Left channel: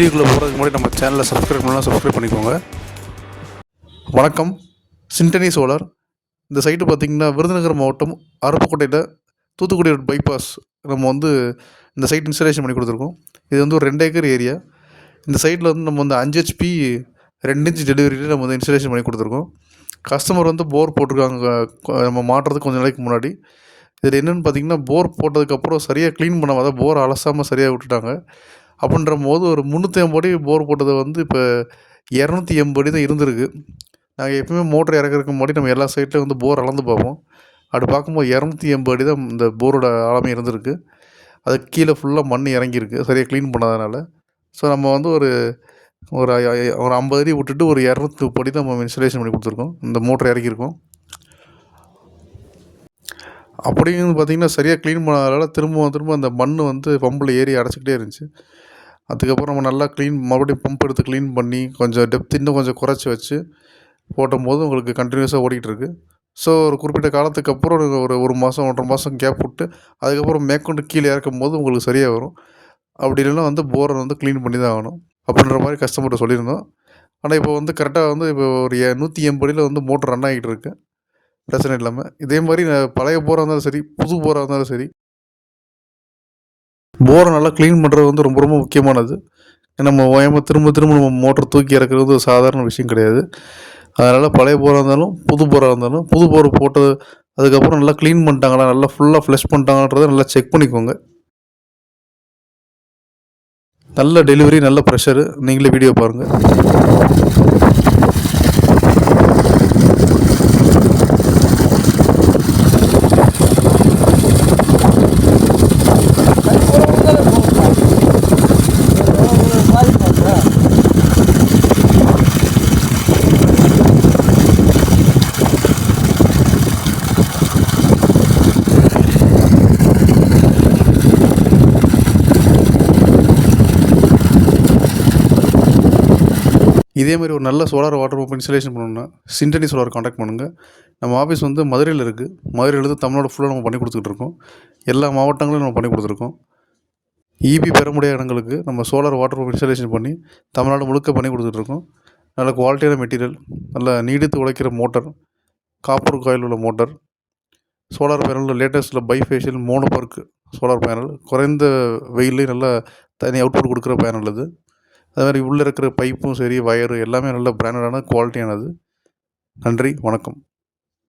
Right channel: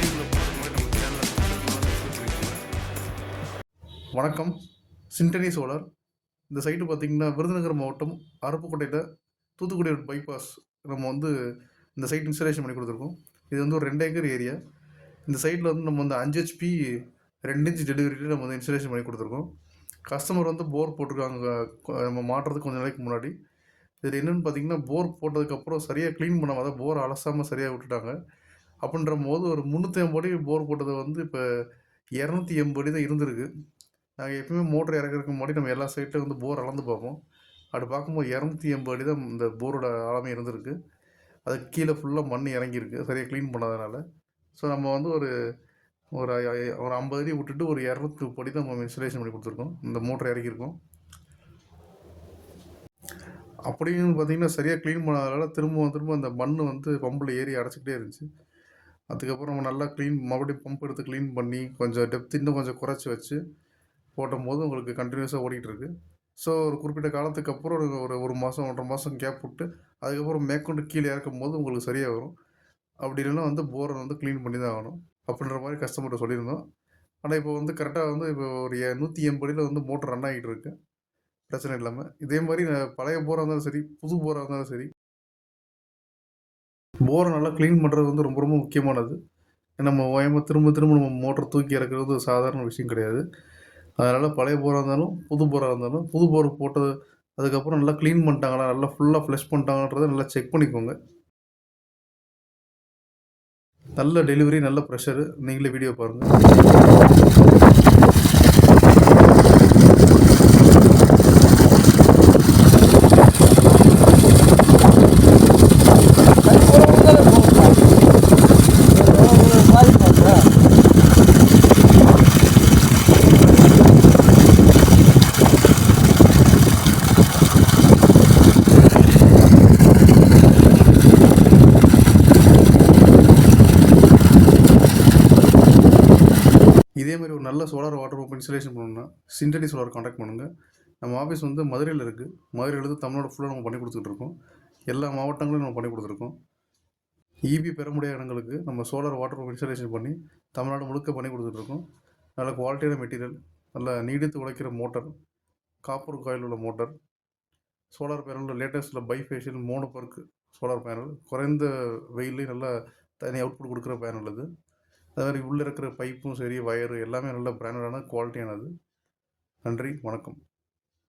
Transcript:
முன்னாடி நம்ம சேனலை சப்ஸ்கிரைப் பண்ணலாம் சப்ஸ்கிரைப் பண்ணிக்கோங்க. வணக்கம். சிண்டனி சோலார் இந்த சைட்டு பார்த்திங்கன்னா விருதுநகர் மாவட்டம் அருப்புக்கோட்டையில் தூத்துக்குடி ரோட் பைபாஸ் நம்ம வந்து இந்த சைட் இன்ஸ்டலேஷன் பண்ணி கொடுத்துருக்கோம். இது வந்து ஒரு ரெண்டு ஏக்கர் ஏரியா இந்த சைட்டில் வந்து நம்ம வந்து அஞ்சு ஹெச்பி ரெண்டு இன்ச் டெலிவரியில் நம்ம வந்து இன்ஸ்டலேஷன் பண்ணி கொடுத்துருக்கோம். கஸ்டமர் வந்து போர் போட்டிருக்காங்க. நம்ம மாட்டுறதுக்கு கொஞ்சம் நாளைக்கு முன்னாடி. இதில் என்னென்னு பார்த்தீங்கன்னா போர் போட்டதுக்கப்புறம் சரியாக க்ளீன் பண்ணாமல் அதாவது போர் அலசாமல் சரியாக விட்டுட்டாங்க. அப்படின்ற போது ஒரு முந்நூற்றி ஐம்பது அடி போர் போட்டது வந்து இப்போ இரநூத்தி எண்பது அடி தான் இருந்திருக்கு. நாங்கள் எப்பவுமே மோட்டர் இறக்குறதுக்கு முன்னாடி நம்ம எல்லா சைட்லையும் வந்து போர் அளந்து பார்ப்போம். அப்படி பார்க்கும்போது இரநூத்தி எண்பது அடி தான் இந்த போரோட ஆழமே இருந்திருக்கு. அது கீழே ஃபுல்லாக மண் இறங்கியிருக்கு சரியாக க்ளீன் பண்ணாதனால. ஸோ நம்ம வந்து ஒரு ஒரு ஒரு ஐம்பது அடி விட்டுட்டு ஒரு இரநூத்தி முப்பது தான் நம்ம இன்ஸ்டலேஷன் பண்ணி கொடுத்துருக்கோம். இந்த மோட்டர் இறக்கியிருக்கோம். அப்படின்னு பார்த்தீங்கன்னா சரியாக க்ளீன் பண்ணாதனால திரும்ப திரும்ப அந்த மண் வந்து பம்பில் ஏறி அடைச்சிக்கிட்டே இருந்துச்சு. அதுக்கப்புறம் நம்ம நல்லா க்ளீன் மறுபடியும் பம்ப் எடுத்து க்ளீன் பண்ணி கொஞ்சம் டெப்த் இன்னும் கொஞ்சம் குறைச்சி வச்சு போடும்போது உங்களுக்கு கண்டினியூஸாக ஓடிக்கிட்டு ஸோ ஒரு குறிப்பிட்ட காலத்துக்கு அப்புறம் ஒரு ஒரு மாதம் ஒன்றரை மாதம் கேப் விட்டு அதுக்கப்புறம் மேற்கொண்டு கீழே இறக்கும் போது உங்களுக்கு சரியாக வரும். அப்படி இல்லைன்னா வந்து போரை வந்து க்ளீன் பண்ணி தான் ஆகணும் அப்படின்ற மாதிரி கஸ்டமர்கிட்ட சொல்லியிருந்தோம். ஆனால் இப்போ வந்து கரெக்டாக வந்து இப்போ ஒரு எ- நூற்றி எண்படியில் வந்து மோட்டர் ரன் ஆகிட்டு இருக்கு. பிரச்சனை இல்லாமல் இதே மாதிரி பழைய போராக இருந்தாலும் சரி புது போராக இருந்தாலும் சரி போரை நல்லா க்ளீன் பண்ணுறது வந்து ரொம்ப ரொம்ப முக்கியமானது. நம்ம ஓயமாக திரும்ப திரும்ப நம்ம மோட்டர் தூக்கி இறக்குறது ஒரு சாதாரண விஷயம் கிடையாது. அதனால் பழைய போராக இருந்தாலும் புது போராக இருந்தாலும் புது போர் போட்டது அதுக்கப்புறம் நல்லா க்ளீன் பண்ணிட்டாங்களா நல்லா ஃபுல்லாக ஃப்ளஷ் பண்ணிட்டாங்கன்றதை நல்லா செக் பண்ணிக்கோங்க. நல்ல டெலிவரி நல்ல ப்ரெஷரு நீங்களே வீடியோ பாருங்கள் இதே மாதிரி ஒரு நல்ல சோலார் வாட்டர் பம்ப் இன்ஸ்டலேஷன் பண்ணணும்னா சிண்டனி சோலார் காண்டாக்ட் பண்ணுங்கள் நம்ம ஆஃபீஸ் வந்து மதுரையில் இருக்குது மதுரையிலேருந்து தமிழ்நாடு ஃபுல்லாக நம்ம பண்ணி கொடுத்துக்கிட்டு இருக்கோம். எல்லா மாவட்டங்களும் நம்ம பண்ணி கொடுத்துருக்கோம். ஈபி பெற முடியாத இடங்களுக்கு நம்ம சோலார் வாட்டர் பம்ப் இன்ஸ்டலேஷன் பண்ணி தமிழ்நாடு முழுக்க பண்ணி கொடுத்துட்ருக்கோம் நல்ல குவாலிட்டியான மெட்டீரியல் நல்ல நீடித்து உழைக்கிற மோட்டர் காப்பர் காயில் உள்ள மோட்டார் சோலார் பேனலில் லேட்டஸ்ட்டில் பைஃபேஷியல் பார்க்கு சோலார் பேனல் குறைந்த வெயிலையும் நல்லா தனி அவுட்புட் கொடுக்குற பேனல் இது அது மாதிரி உள்ளே இருக்கிற பைப்பும் சரி ஒயரு எல்லாமே நல்ல பிராண்டடான குவாலிட்டியானது நன்றி வணக்கம்.